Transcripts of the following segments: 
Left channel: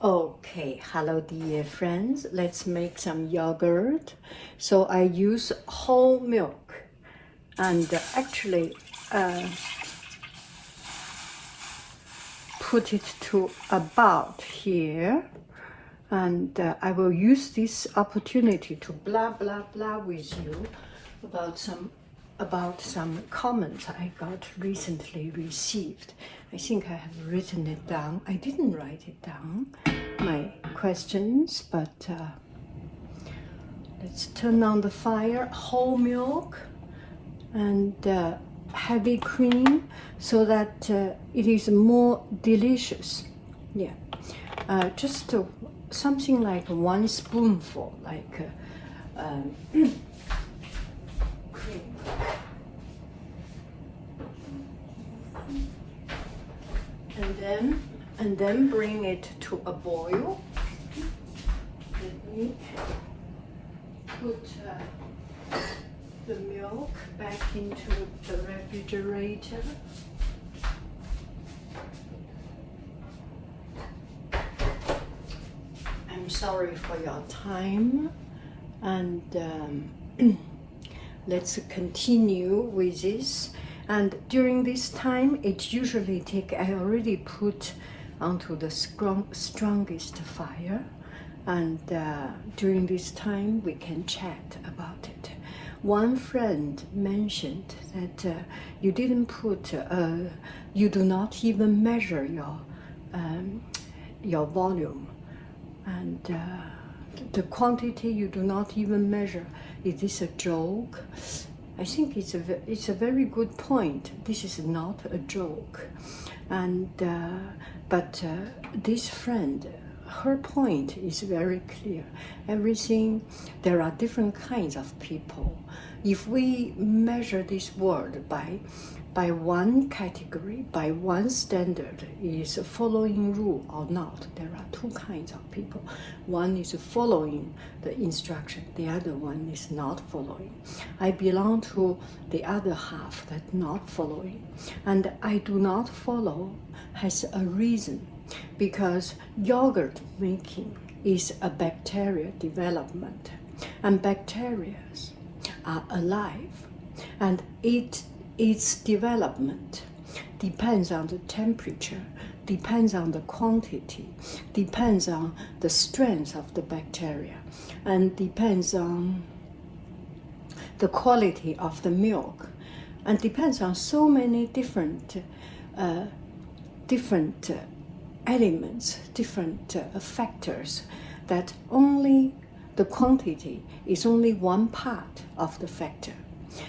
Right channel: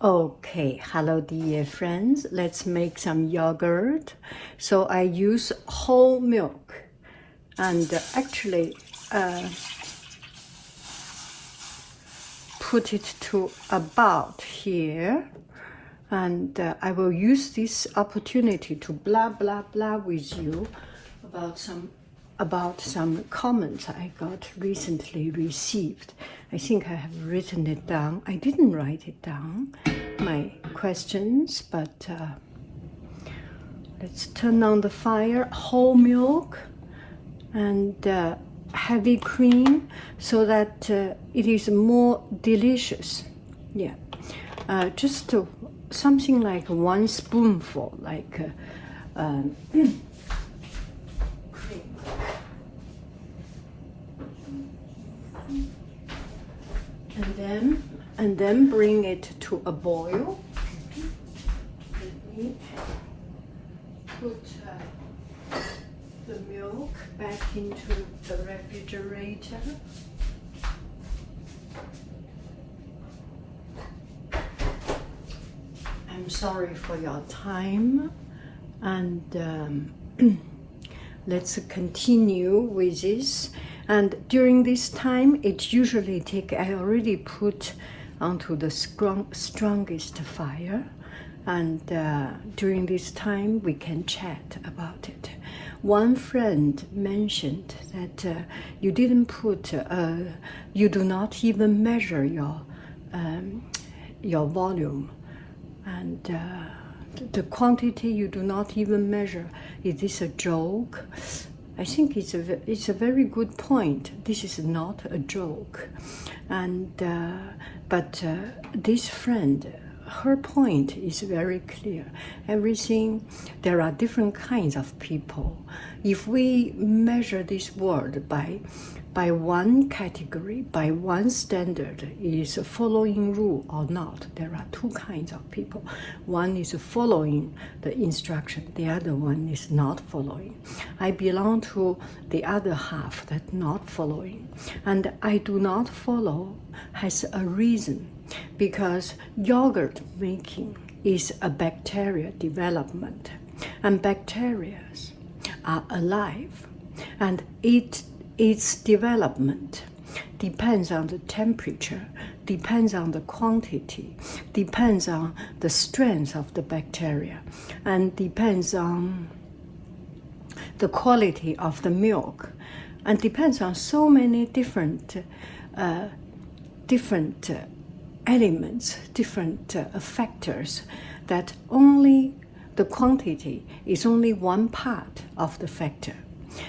Okay, hello dear friends. Let's make some yogurt. So I use whole milk and actually put it to about here. And I will use this opportunity to blah blah blah with you about some comments I got recently received. I think I have written it down. I didn't write it down, my questions, but let's turn on the fire. Whole milk and heavy cream so that it is more delicious. Yeah, just something like 1 spoonful, like cream. And then bring it to a boil. Let me put the milk back into the refrigerator. I'm sorry for your time, and let's continue with this. And during this time, it usually I already put onto the strongest fire, and during this time we can chat about it. One friend mentioned that you didn't put, you do not even measure your volume, and the quantity you do not even measure. Is this a joke? I think it's a very good point. This is not a joke, and but this friend, her point is very clear. There are different kinds of people. If we measure this world by one category, by one standard, is following rule or not, there are two kinds of people. One is following the instruction, the other one is not following. I belong to the other half that not following, and I do not follow has a reason, because yogurt making is a bacteria development, and bacteria are alive, and its development depends on the temperature, depends on the quantity, depends on the strength of the bacteria, and depends on the quality of the milk, and depends on so many different elements, different factors, that only the quantity is only one part of the factor.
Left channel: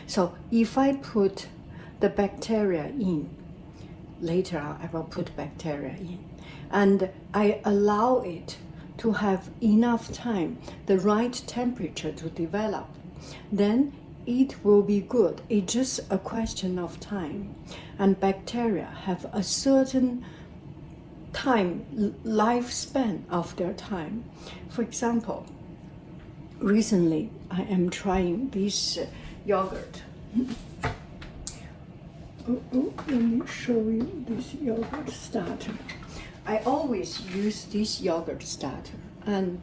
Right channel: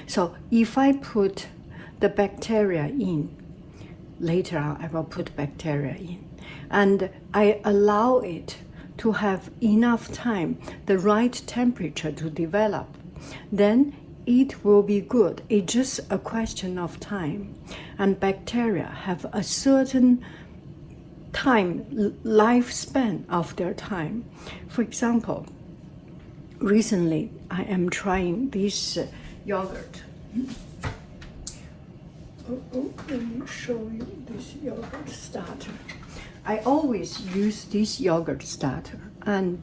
So if I put the bacteria in, later on I will put bacteria in, and I allow it to have enough time, the right temperature to develop, then it will be good. It's just a question of time. And bacteria have a certain time, lifespan of their time. For example, recently I am trying this yogurt. Let me show you this yogurt starter. I always use this yogurt starter, and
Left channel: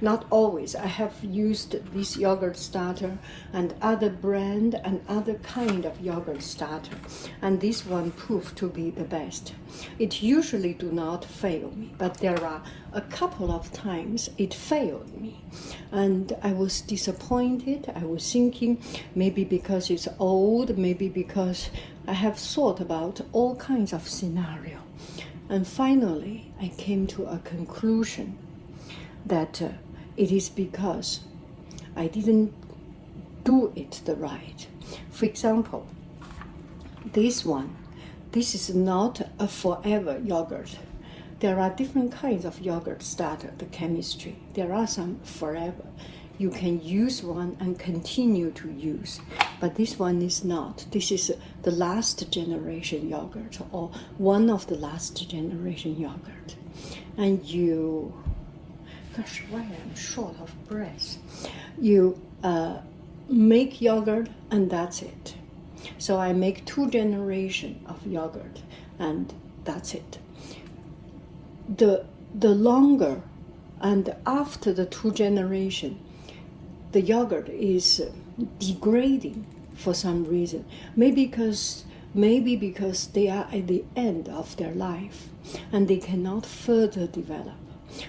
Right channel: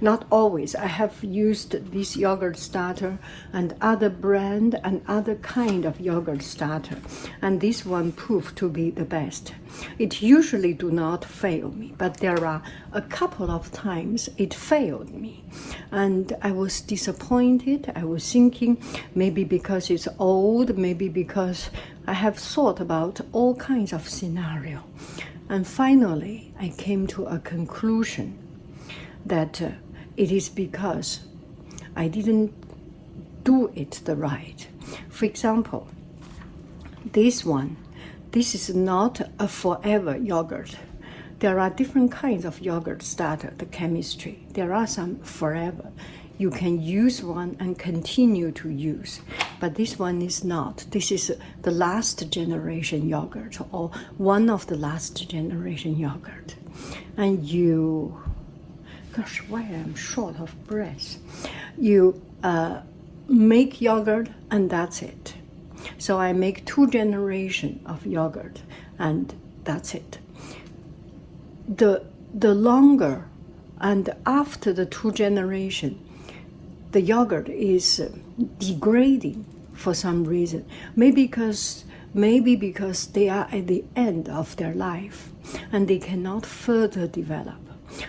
not always. I have used this yogurt starter and other brand and other kind of yogurt starter, and this one proved to be the best. It usually do not fail me, but there are a couple of times it failed me, and I was disappointed. I was thinking maybe because it's old, maybe because I have thought about all kinds of scenarios. And finally, I came to a conclusion that it is because I didn't do it the right. For example, this is not a forever yogurt. There are different kinds of yogurt starter, the chemistry. There are some forever. You can use one and continue to use, but this one is not. This is the last generation yogurt, or one of the last generation yogurt. And gosh, why I'm short of breath. You make yogurt and that's it. So I make 2 generations of yogurt and that's it. The the longer and after the 2 generation, the yogurt is degrading for some reason. Maybe because they are at the end of their life and they cannot further develop.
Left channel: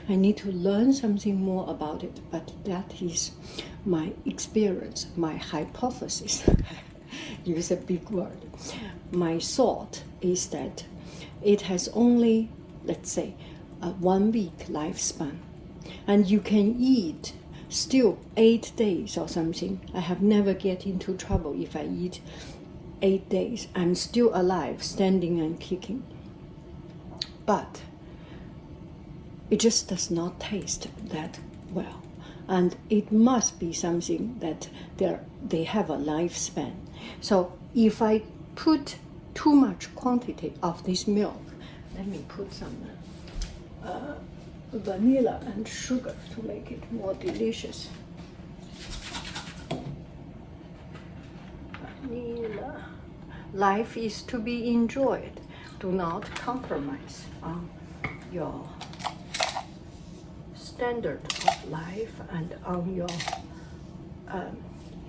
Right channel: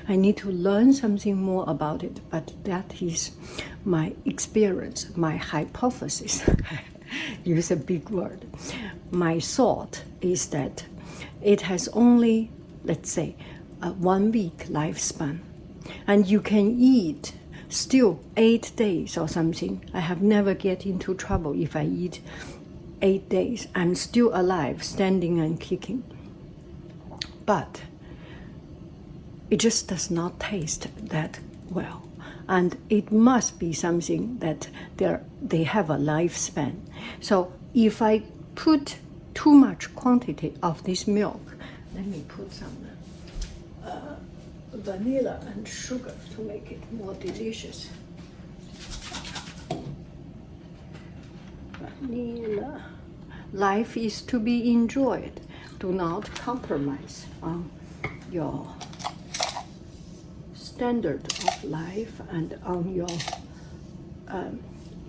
I need to learn something more about it, but that is my experience, my hypothesis. Use a big word. My thought is that it has only, let's say, a 1 week lifespan, and you can eat still 8 days or something. I have never get into trouble if I eat 8 days. I'm still alive, standing and kicking. But it just does not taste that well. And it must be something that they have a lifespan. So if I put too much quantity of this milk, let me put some vanilla and sugar to make it more delicious. Vanilla. Life is to be enjoyed. Do not compromise on your standard of life and on your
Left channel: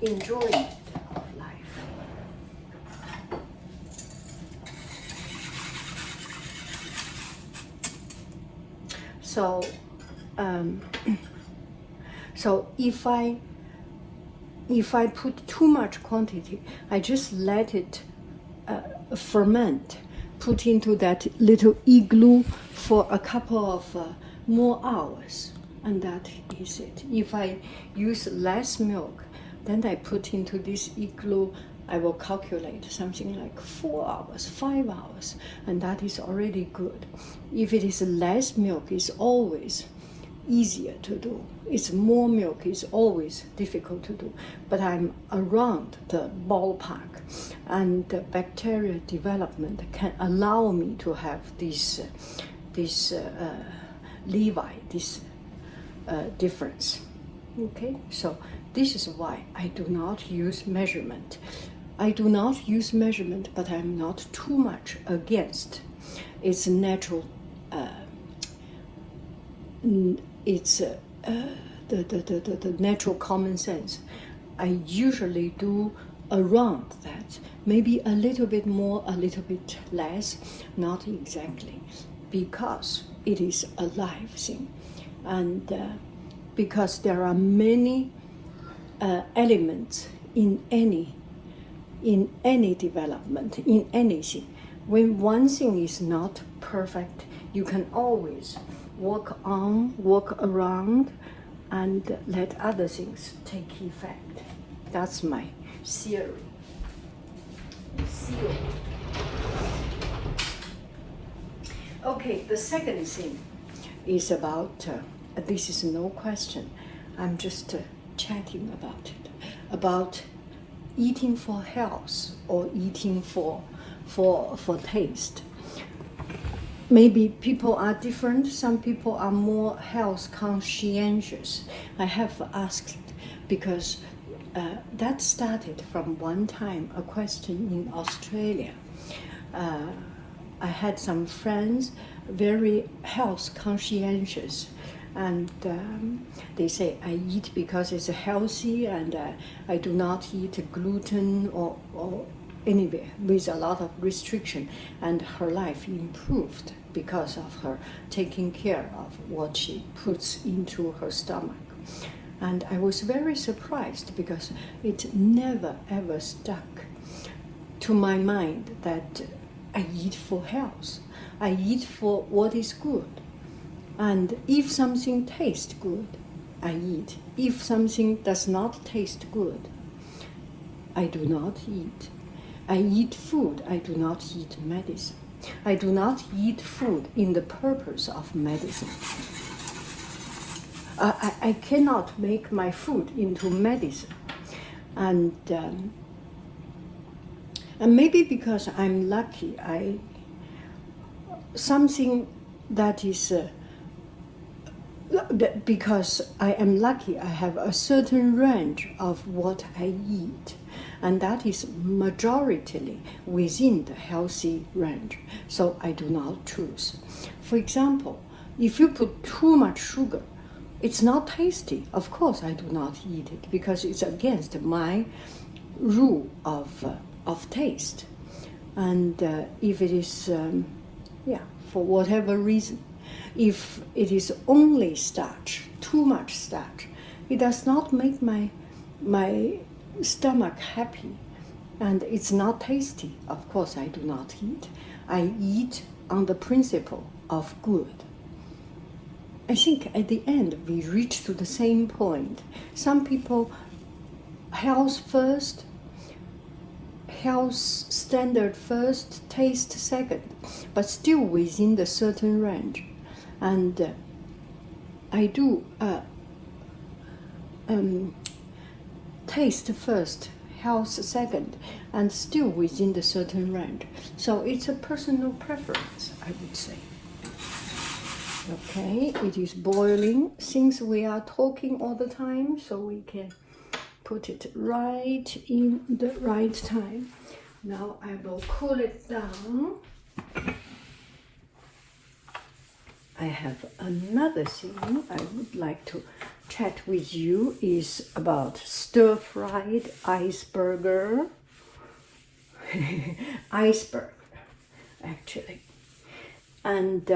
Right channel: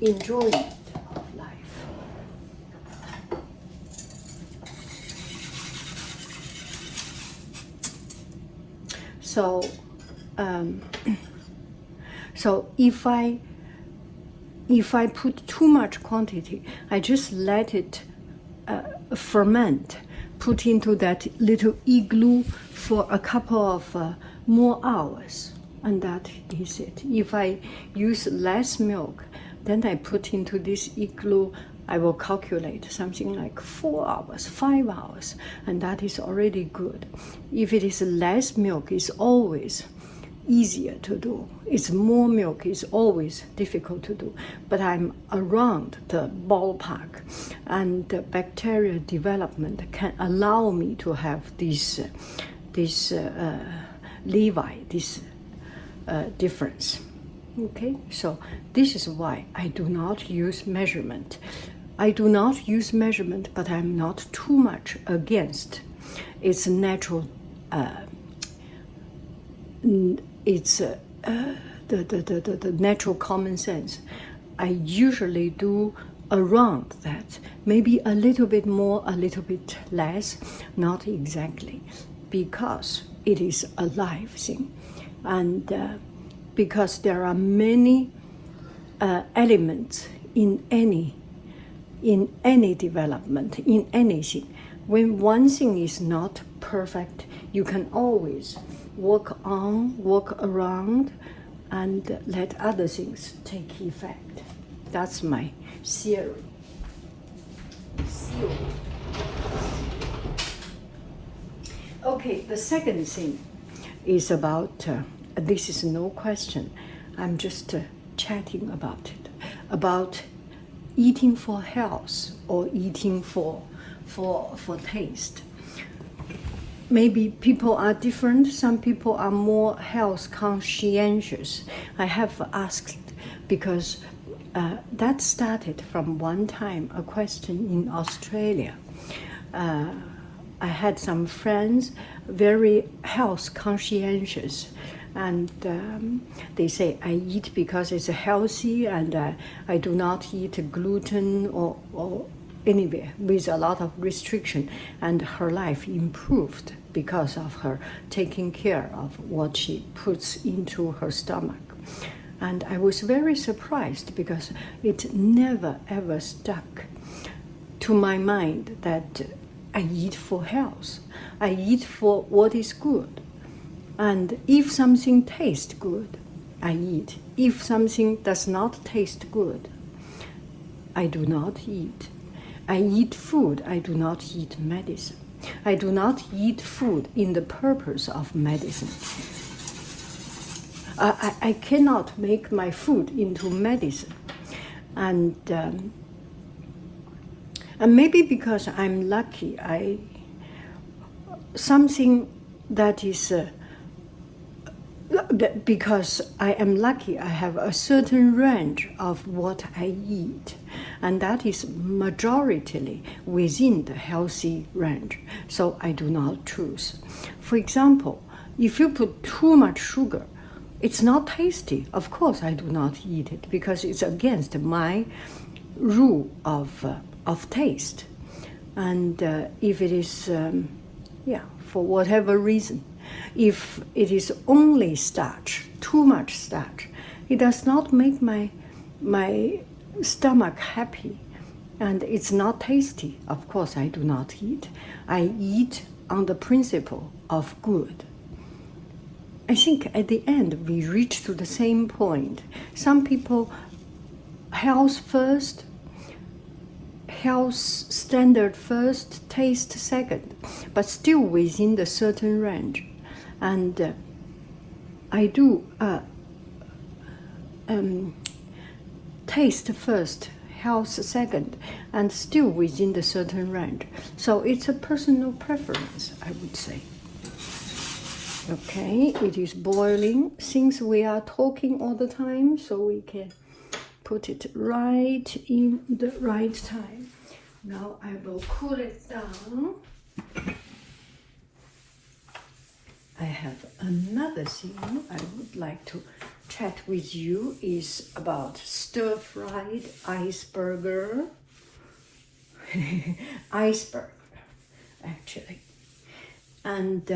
enjoyment of life. So if I put too much quantity, I just let it ferment, put into that little igloo for a couple of more hours, and that is it. If I use less milk, then I put into this igloo, I will calculate something like 4 hours, 5 hours, and that is already good. If it is less milk, it's always easier to do. It's more milk, is always difficult to do. But I'm around the ballpark, and the bacteria development can allow me to have this difference. Okay, so this is why I do not use measurement. I do not use measurement, but I'm not too much against. It's natural. It's the natural common sense. I usually do around that, maybe a little bit more, a little bit less, not exactly, because it is a live thing, and because there are many elements in any development, in anything. When one thing is not perfect, you can always work on, work around, and let other things take effect. That's my theory. Okay, the second thing is about, this is no question, I'm just chatting about it, about eating for health or eating for taste. Maybe people are different. Some people are more health conscientious. I have asked because that started from one time, a question in Australia. I had some friends, very health conscientious, and they say, I eat because it's healthy, and I do not eat gluten or anywhere with a lot of restriction, and her life improved because of her taking care of what she puts into her stomach. And I was very surprised because it never ever stuck to my mind that I eat for health. I eat for what is good. And if something tastes good, I eat. If something does not taste good, I do not eat. I eat food, I do not eat medicine. I do not eat food in the purpose of medicine. I cannot make my food into medicine. And maybe because I'm lucky, something that is, because I am lucky, I have a certain range of what I eat, and that is majoritarily within the healthy range, so I do not choose. For example, If you put too much sugar, it's not tasty. Of course, I do not eat it because it's against my rule of taste. And if it is, for whatever reason, if it is only starch, too much starch, it does not make my stomach happy, and it's not tasty. Of course, I do not eat. I eat on the principle of good. I think at the end we reach to the same point. Some people, health first, health standard first, taste second, but still within the certain range. And I do taste first, health second, and still within the certain range. So it's a personal preference, I would say. Okay, it is boiling. Since we are talking all the time, so we can put it right in the right time. Now I will cool it down. I have another thing I would like to chat with you is about stir-fried iceberg. Iceberg, actually. And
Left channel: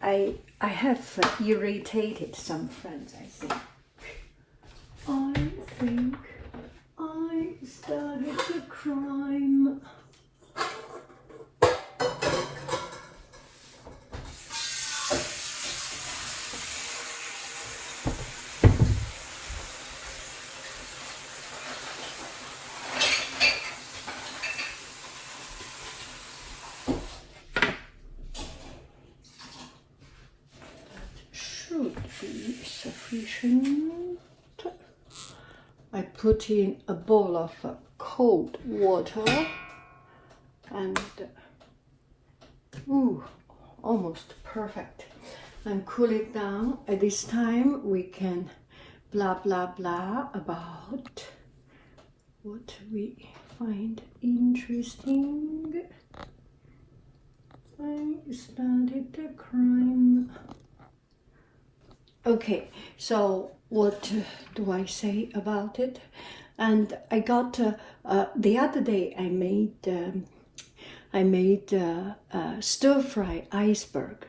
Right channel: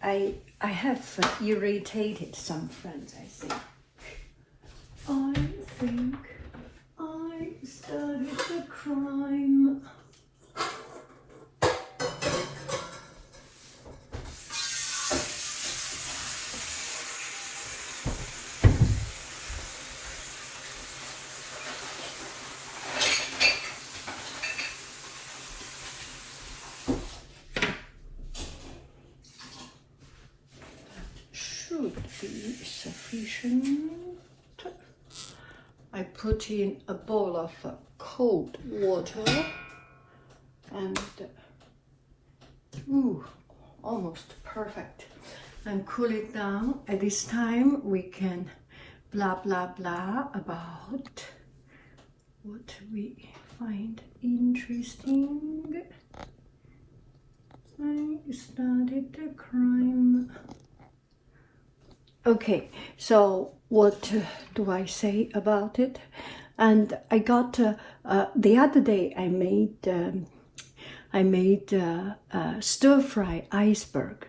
I have irritated some friends, I think. I think I started the crime. Should be sufficient. I put in a bowl of cold water and almost perfect, and cool it down. At this time we can blah blah blah about what we find interesting. I started the crime. Okay, so what do I say about it? And I got the other day I made stir fry iceberg,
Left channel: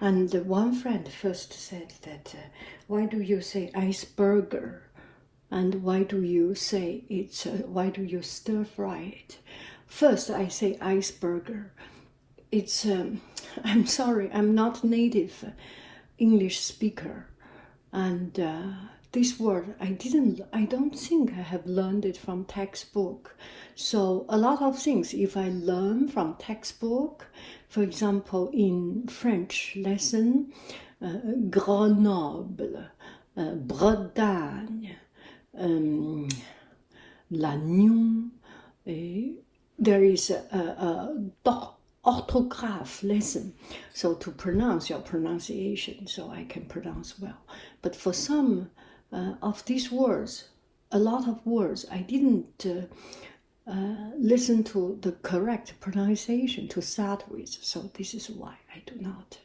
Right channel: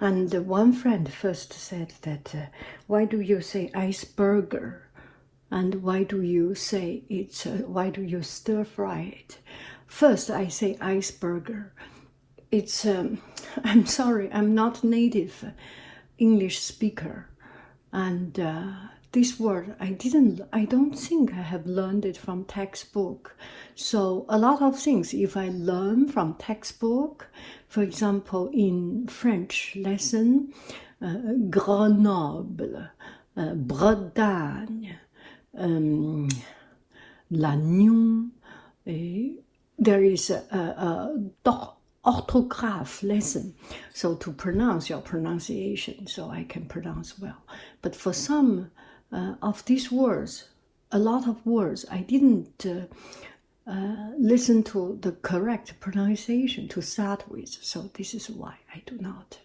and one friend first said that why do you say iceberger, and why do you say it's why do you stir fry it? First I say iceberger. It's I'm sorry, I'm not native English speaker, and this word I don't think I have learned it from textbook. So a lot of things, if I learn from textbook, for example in French lesson, Grenoble, Bretagne, Lannion, there is a orthograph lesson, so to pronounce your pronunciation, so I can pronounce well. But for some of these words, a lot of words, I didn't listen to the correct pronunciation to start with, so this is why I do not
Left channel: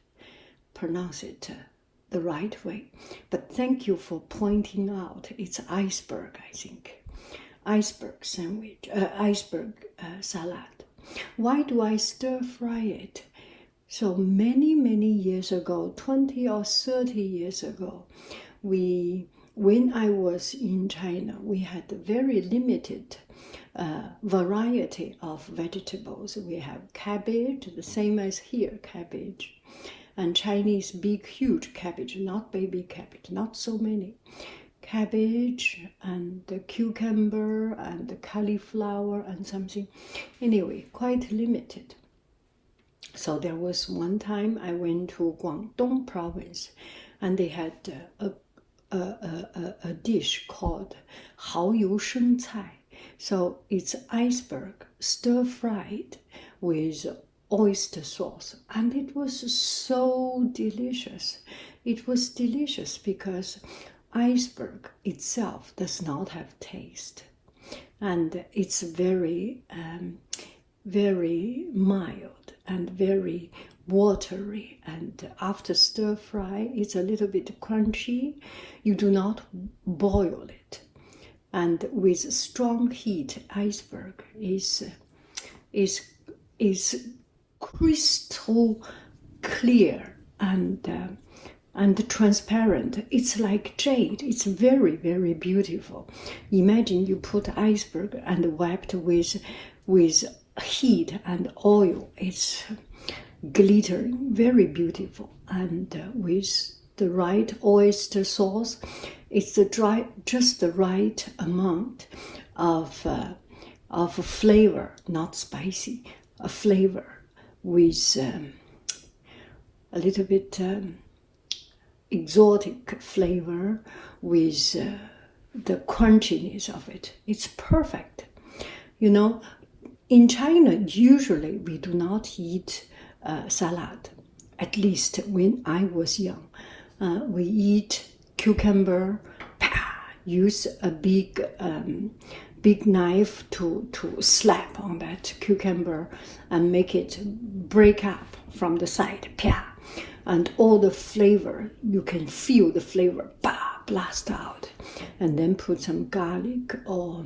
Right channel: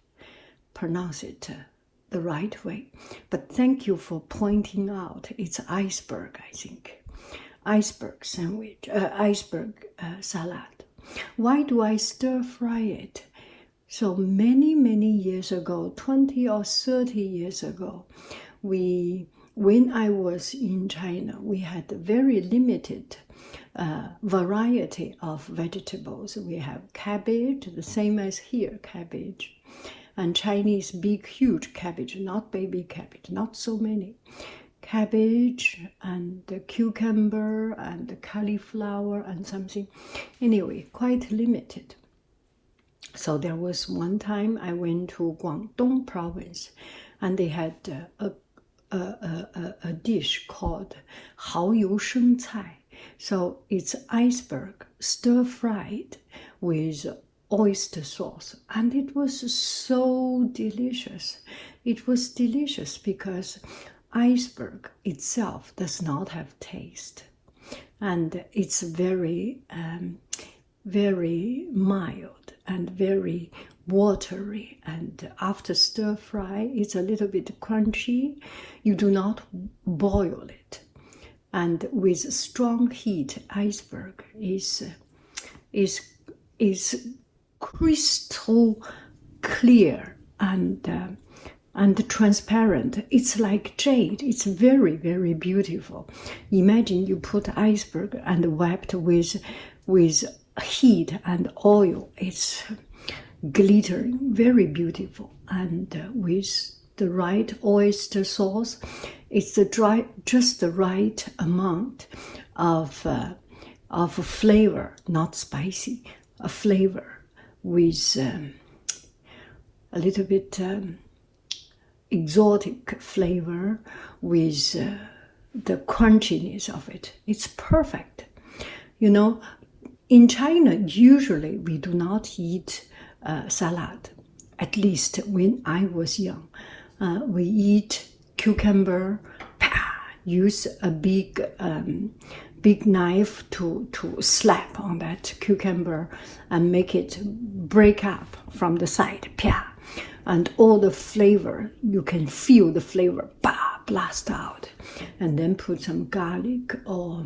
pronounce it the right way. But thank you for pointing out. It's iceberg, I think. Iceberg sandwich, iceberg salad. Why do I stir fry it? So many years ago, 20 or 30 years ago, when I was in China, we had a very limited variety of vegetables. We have cabbage, the same as here, cabbage, and Chinese big, huge cabbage, not baby cabbage, not so many. Cabbage and the cucumber and the cauliflower and something. Anyway, quite limited. So there was one time I went to Guangdong province, and they had a dish called 蚝油生菜. So it's iceberg stir-fried with oyster sauce, and it was so delicious. It was delicious because iceberg itself does not have taste, and it's very, very mild and very watery, and after stir fry, it's a little bit crunchy. You do not boil it, and with strong heat, iceberg is crystal clear and transparent. It's like jade. It's very, very beautiful. Imagine you put iceberg and wrapped with heat and oil. It's glittering, very beautiful. And with the right oyster sauce, it's just the right amount of flavor, not spicy, a flavor with a little bit exotic flavor with the crunchiness of it. It's perfect. You know, in China, usually we do not eat salad. At least when I was young, we eat cucumber. Use a big knife to slap on that cucumber and make it break up from the side. And all the flavor, you can feel the flavor blast out, and then put some garlic or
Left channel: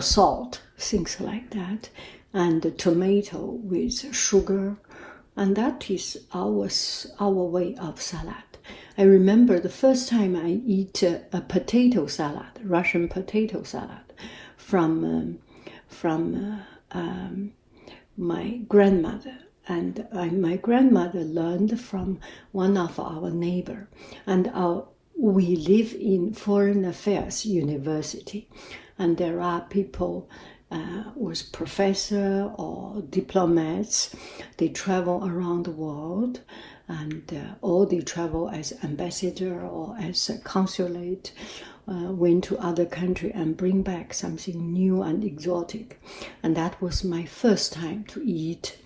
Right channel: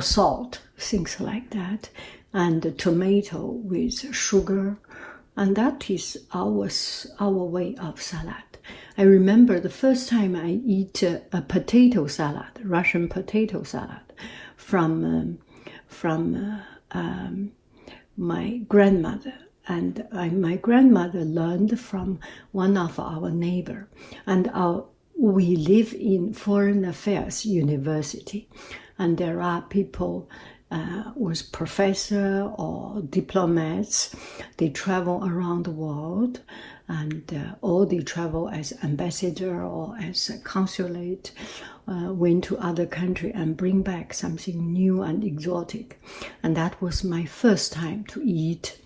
salt, things like that, and the tomato with sugar, and that is our way of salad. I remember the first time I eat a potato salad, Russian potato salad, from my grandmother. And my grandmother learned from one of our neighbor, and we live in Foreign Affairs University, and there are people with professor or diplomats. They travel around the world, and or they travel as ambassador or as a consulate, went to other country and bring back something new and exotic. And that was my first time to eat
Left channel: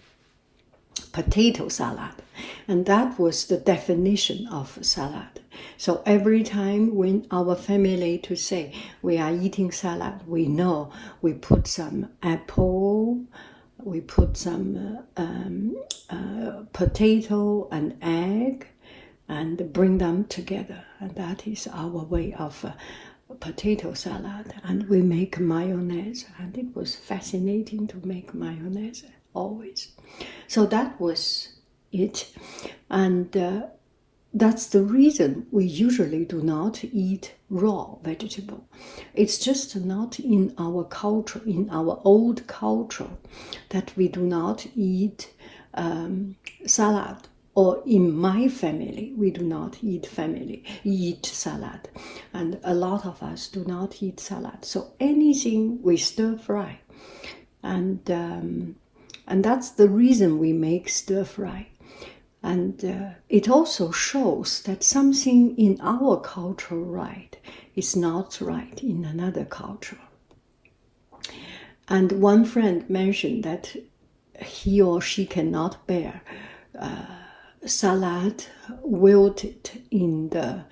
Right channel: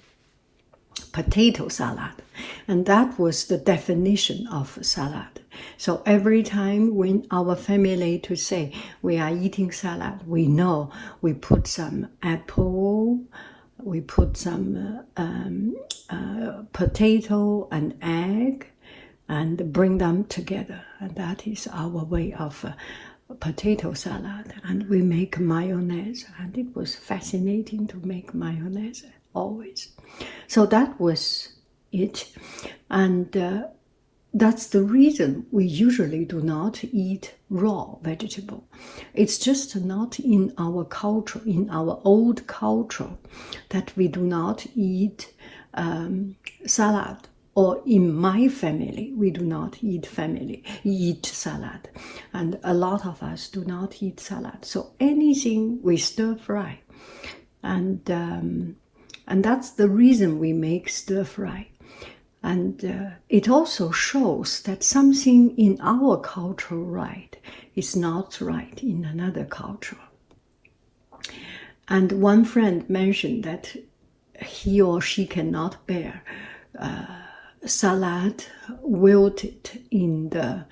potato salad, and that was the definition of salad. So every time when our family to say we are eating salad, we know we put some apple, we put some potato and egg, and bring them together, and that is our way of potato salad. And we make mayonnaise, and it was fascinating to make mayonnaise always. So that was it, and that's the reason we usually do not eat raw vegetable. It's just not in our culture, in our old culture, that we do not eat salad. Or in my family, we do not eat salad, and a lot of us do not eat salad. So anything we stir fry, and that's the reason we make stir fry. And it also shows that something in our culture right is not right in another culture. And one friend mentioned that he or she cannot bear salad wilted in the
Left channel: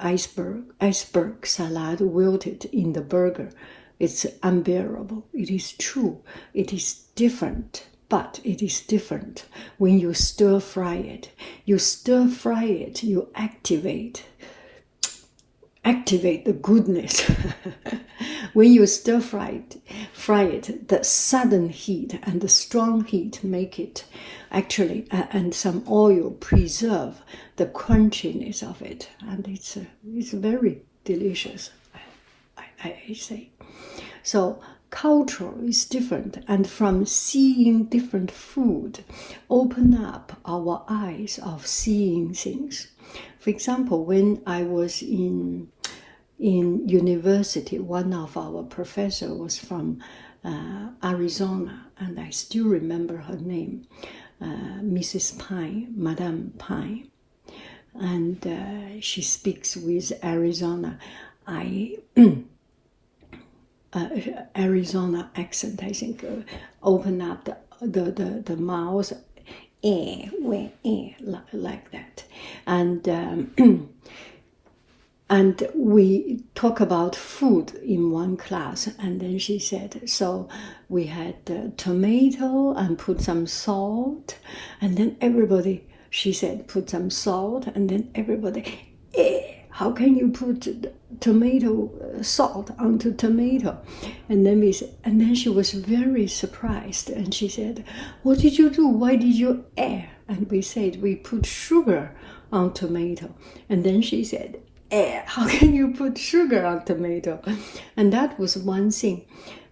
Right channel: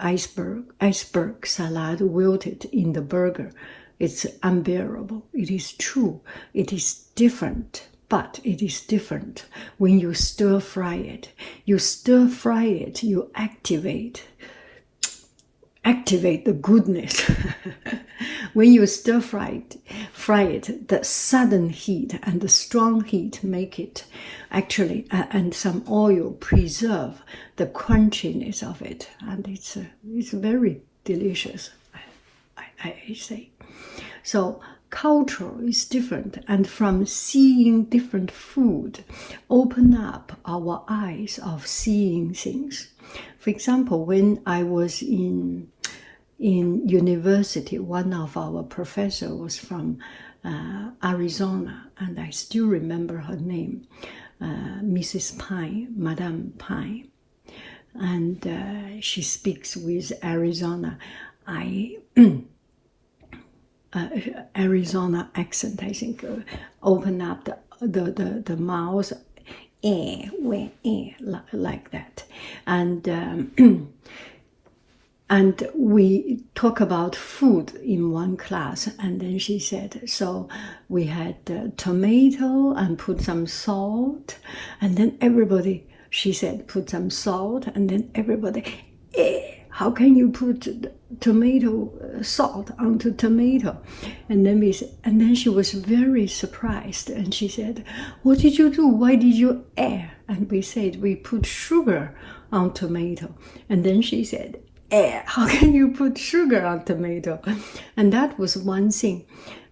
iceberg salad wilted in the burger. It's unbearable. It is true. It is different, but it is different when you stir fry it. You stir fry it, you activate the goodness. When you stir fry it, the sudden heat and the strong heat make it actually, and some oil preserve the crunchiness of it, and it's very delicious, I say. So culture is different, and from seeing different food, open up our eyes of seeing things. For example, when I was in university, one of our professors was from Arizona, and I still remember her name, Mrs. Pine, Madame Pine, and she speaks with Arizona. Arizona accent, I think, open up the mouth, like that, and and we talk about food in one class, and then she said, so we had tomato and put some salt, and then everybody, she said, put some salt, and then everybody, how can you put tomato salt onto tomato? And then she was very surprised, and she said, what did you do? Why did you add? And we said, we put sugar on tomato. And then she said, how can you put sugar on tomato? And that was one thing.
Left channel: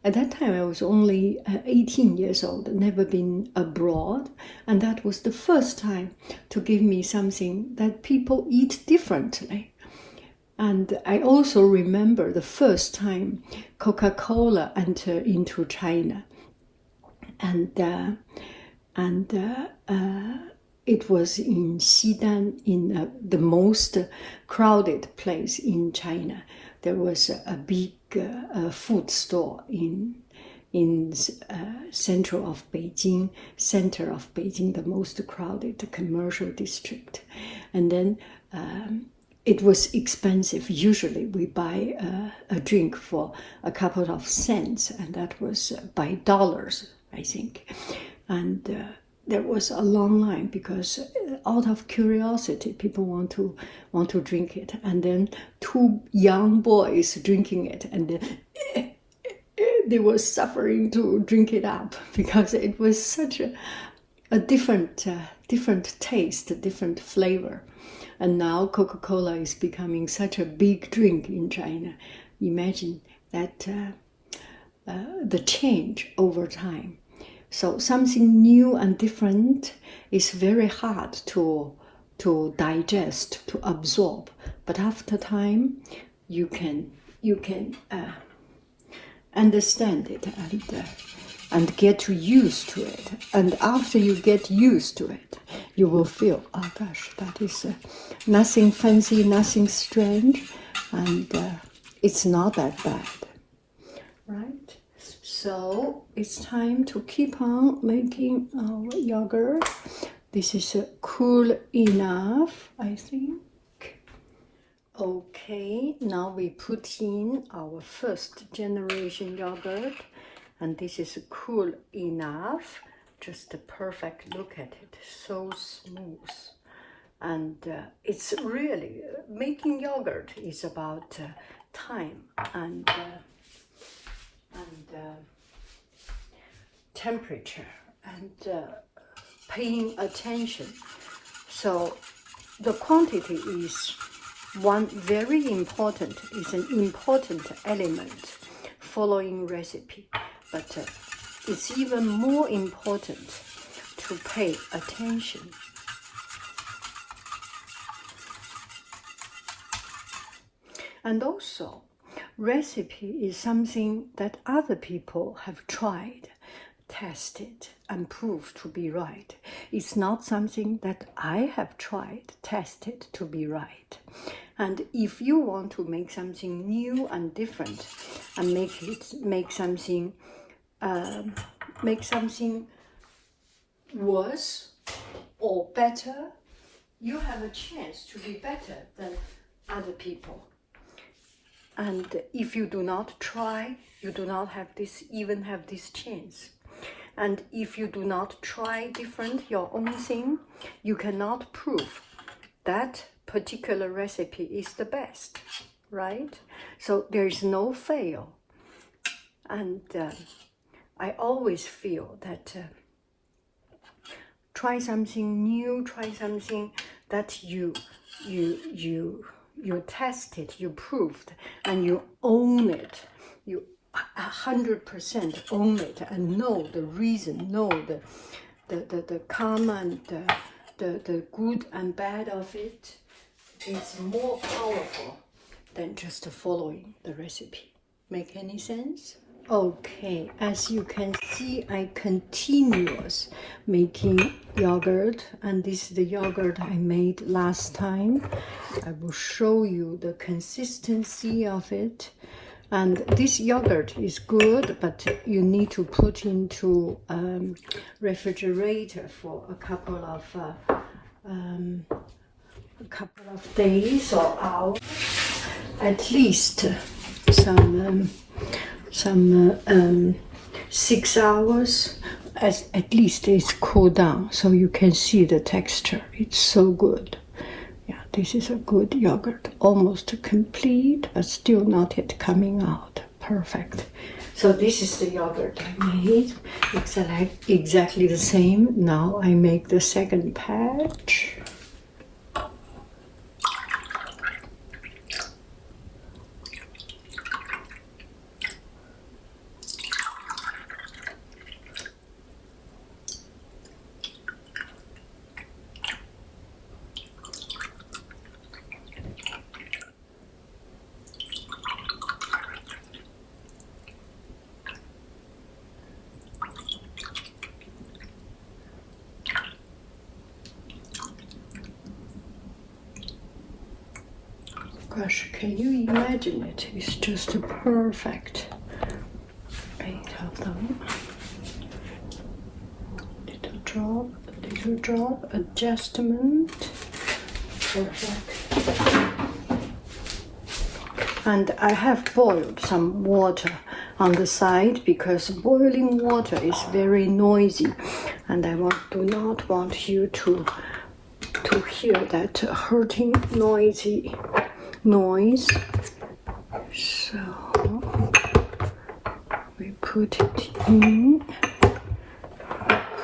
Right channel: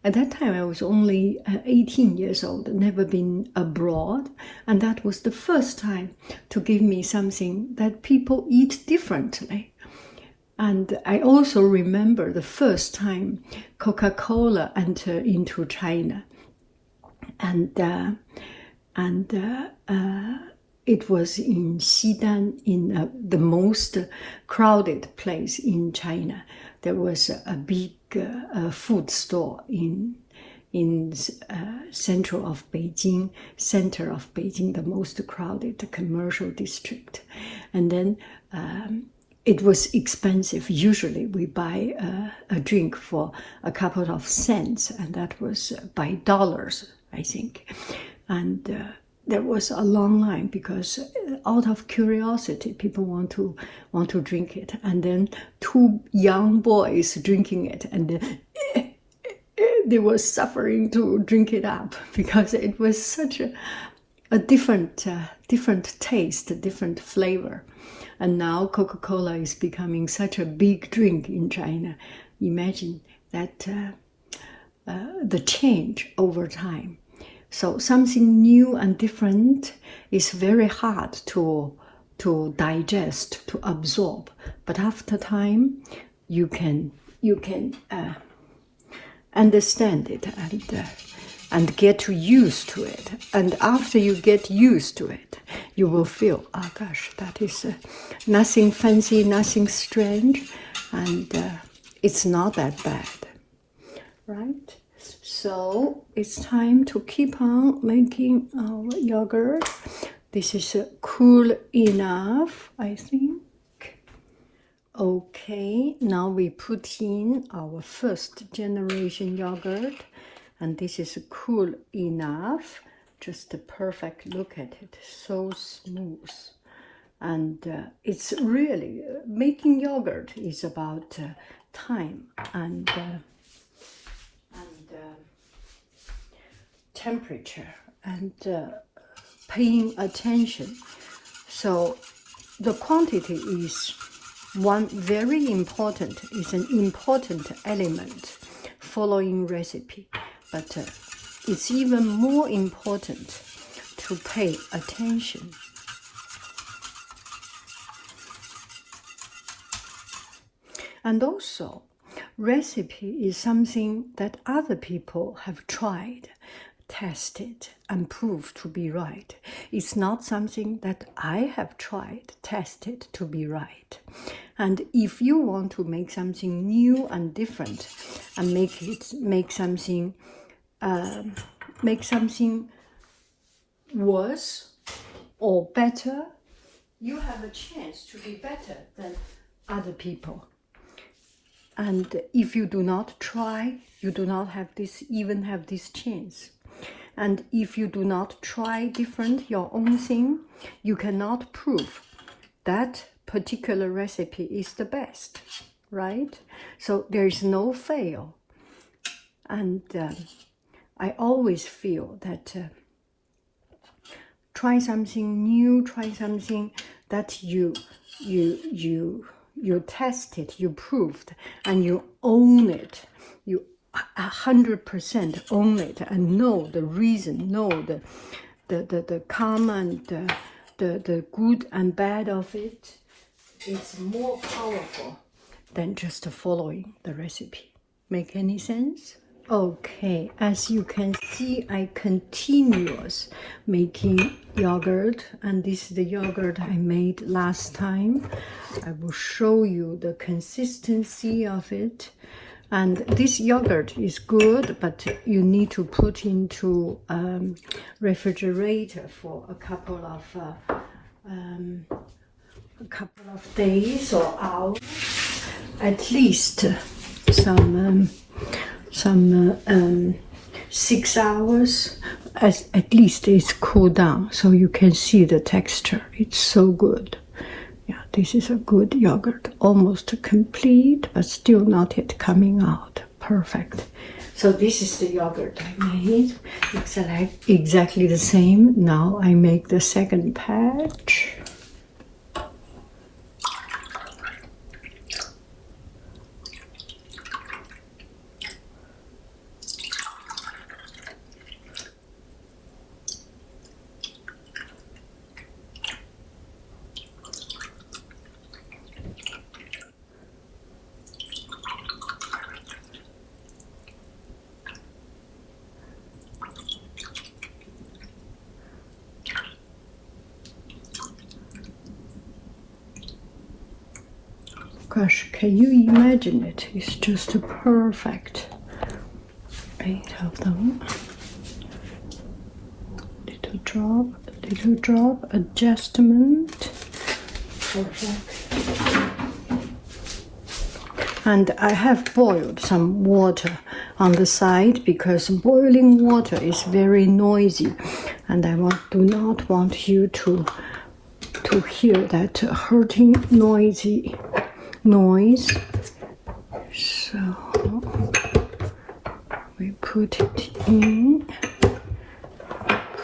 At that time, I was only 18 years old, never been abroad. And that was the first time to give me something that people eat differently. And I also remember the first time Coca-Cola entered into China. And it was in Xidan, in the most crowded place in China. There was a big food store in center of Beijing, the most crowded commercial district. And then it was expensive. Usually we buy a drink for a couple of cents, and that was by dollars, I think. And there was a long line because out of curiosity, people want to drink it. And then two young boys drinking it, and they were suffering to drink it up because it was such a different taste, a different flavor. And now Coca-Cola is becoming such a big drink in China. Imagine that the change over time. So something new and different is very hard to digest, to absorb. But after time, you can understand it and get used to it. And after you get used to it, you will feel, oh gosh, that is nothing fancy, nothing strange, and it's not that bad, right? So it's time to keep on making our yogurt. This is cool enough, I think. Okay, now we put in our first generation yogurt, and this is cool enough. Just a perfect look at it, so smooth. And it's really, making yogurt is about time and temperature and paying attention. So the quantity is very important, is an important element following recipe, but it's even more important to pay attention. And also, recipe is something that other people have tried, tested, and proved to be right. It's not something that I have tried, tested to be right. And if you want to make something new and different and make something worse or better, you have a chance to be better than other people. And if you do not try, you do not even have this chance. And if you do not try your own thing, you cannot prove that particular recipe is the best, right? So there is no fail. And I always feel that try something new, try something that you tested, you proved, and you own it. You 100% own it and know the reason, know the calm and the good and bad of it. It's more powerful than just following the recipe. Make any sense? Okay, as you can see, I continuous making yogurt, and this is the yogurt I made last time. I will show you the consistency of it. And this yogurt is good, but you need to put into refrigerator for a couple of days or hours. at least some 6 hours. At least it's cooled down, so you can see the texture. It's so good. Yeah, this is a good yogurt. Almost complete, but still not yet coming out. Perfect. So this is the yogurt I made. It's like exactly the same. Now I make the second batch. Gosh, can you imagine it? It's just perfect. 8 of them. Little drop, adjustment. Perfect. And I have boiled some water on the side because boiling water is very noisy, and I do not want you to hear that hurting noisy noise. So we put it in.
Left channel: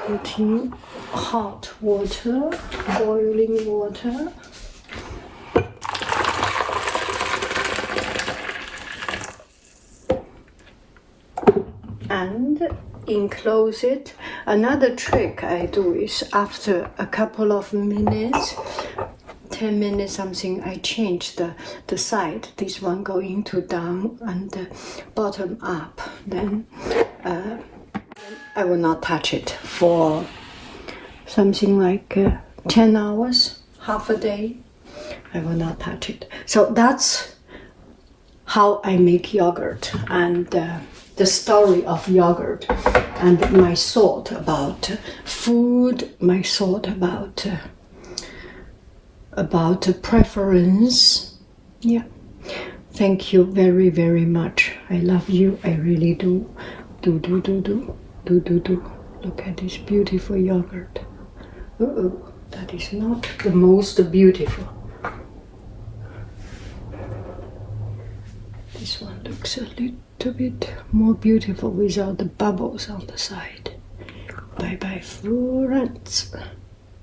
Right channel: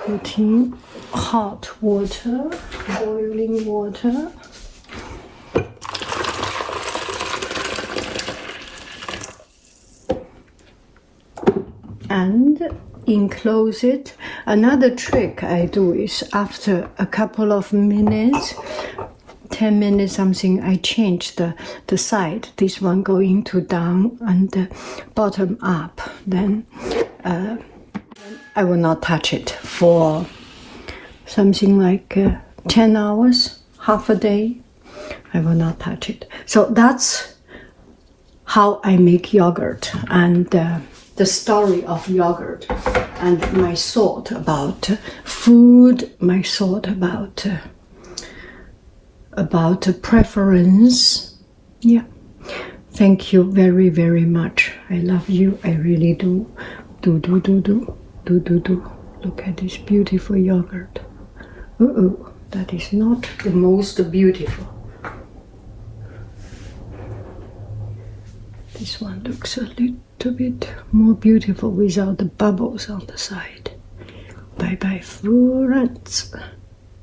Put in hot water, boiling water. And enclose it. Another trick I do is after a couple of minutes, 10 minutes something, I change the side. This one going to down and the bottom up. Then I will not touch it for something like 10 hours, half a day. I will not touch it. So that's how I make yogurt, and the story of yogurt, and my thought about food, my thought about preference. Yeah. Thank you very, very much. I love you. I really do. Do. Look at this beautiful yogurt. That is not the most beautiful. This one looks a little bit more beautiful without the bubbles on the side. Bye bye, friends.